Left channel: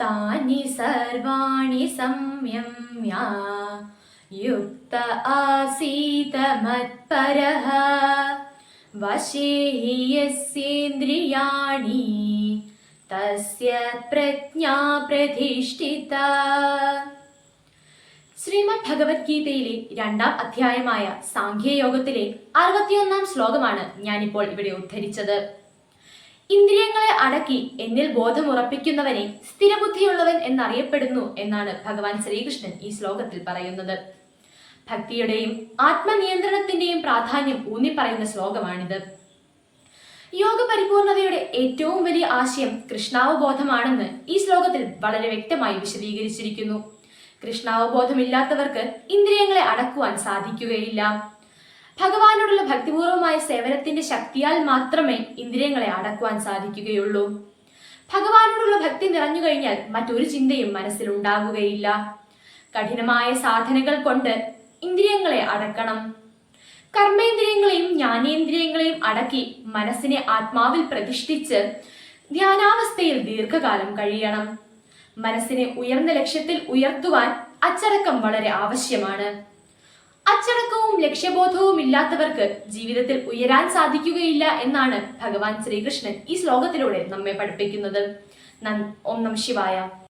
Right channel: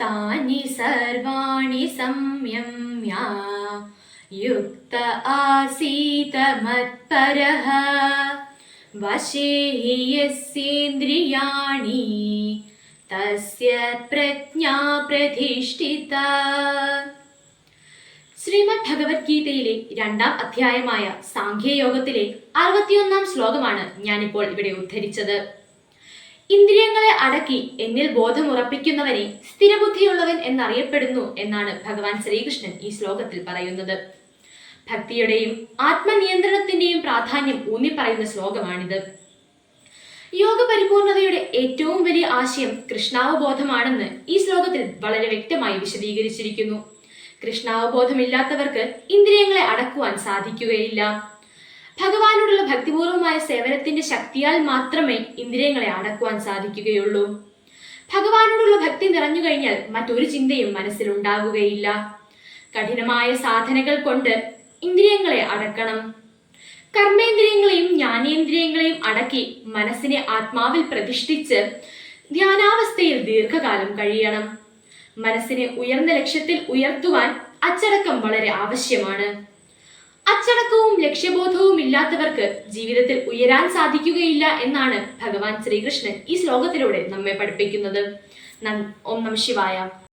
तानि सर्वाणि संयम्य युक्त आसीत मत्परः वशे हि यस्येन्द्रियाणि तस्य प्रज्ञा प्रतिष्ठिता. ശ്രീമദ് ഭഗവത്ഗീതയിലെ 2-ാം അധ്യായമായ സാഖ്യയോഗത്തിലെ 61-ാം ശ്ലോകമാണ് ഞാനിപ്പോൾ ഇവിടെ ഉദ്ധരിച്ചത്. ഇന്ദ്രിയങ്ങളെ അടക്കി എന്നിൽ ബോധമുറപ്പിക്കുന്നവനെ സ്ഥിരബുദ്ധിയുള്ളവൻ എന്നറിയപ്പെടുന്നു എന്നാണ് ഭഗവാൻ ശ്രീകൃഷ്ണൻ ഈ ശ്ലോകത്തിൽ പറയുന്നത്. ഭക്തിയുടെയും ആത്മനിയന്ത്രണത്തിന്റെയും പ്രാധാന്യം ഊന്നിപ്പറയുന്ന ശ്ലോകമാണിത്. യോഗ പരിപൂർണതയുടെ ഏറ്റവും വലിയ ആശയം കൃഷ്ണാവബോധമാണെന്ന് ഈ ശ്ലോകത്തിൽ വളരെ വ്യക്തമായി വിശദീകരിച്ചിരിക്കുന്നു. കൃഷ്ണാവബോധമില്ലാത്തവർക്ക് ഇന്ദ്രിയങ്ങളെ അടക്കുവാൻ സാധിക്കുകയില്ല. ഭഗവാനോടുള്ള ഭക്തിപൂർവമായ സേവനത്തിന്റെ ശക്തിയാൽ മാത്രമേ ഇന്ദ്രിയങ്ങളെ അടക്കുവാൻ സാധിക്കുകയുള്ളൂ. ഭഗവാനോടുള്ള ഭക്തി നിറഞ്ഞു കഴിഞ്ഞാൽ മറ്റൊരു ചിന്തയും മനസ്സിലുണ്ടാകുകയില്ല. കഠിനമായ സാധനകൾ കൊണ്ട് ഇന്ദ്രിയങ്ങളെ അടക്കണം. കർമ്മേന്ദ്രിയങ്ങളെയും ജ്ഞാനേന്ദ്രിയങ്ങളെയും അടക്കി മനസ്സിനെ ആത്മാവിൽ പ്രതിഷ്ഠിച്ച് ധ്യാനാവസ്ഥയിൽ ദീർഘകാലം കഴിയണം. മനസ്സിനെ ഉയർന്ന ലക്ഷ്യത്തിൽ ഉയർത്തുവാൻ അച്ചടക്കം വളരെ ആവശ്യമാണ്. അച്ചടക്കവും ലക്ഷ്യബോധവും ഇല്ലാത്തവർക്ക് ജീവിതത്തിൽ ഉയരാൻ സാധിക്കുകയില്ല എന്നാണ് ഭഗവാൻ ശ്രീകൃഷ്ണൻ ഈ ശ്ലോകത്തിലൂടെ നമ്മെ പഠിപ്പിക്കുന്നത്. ഓം നമഃ ശിവായ.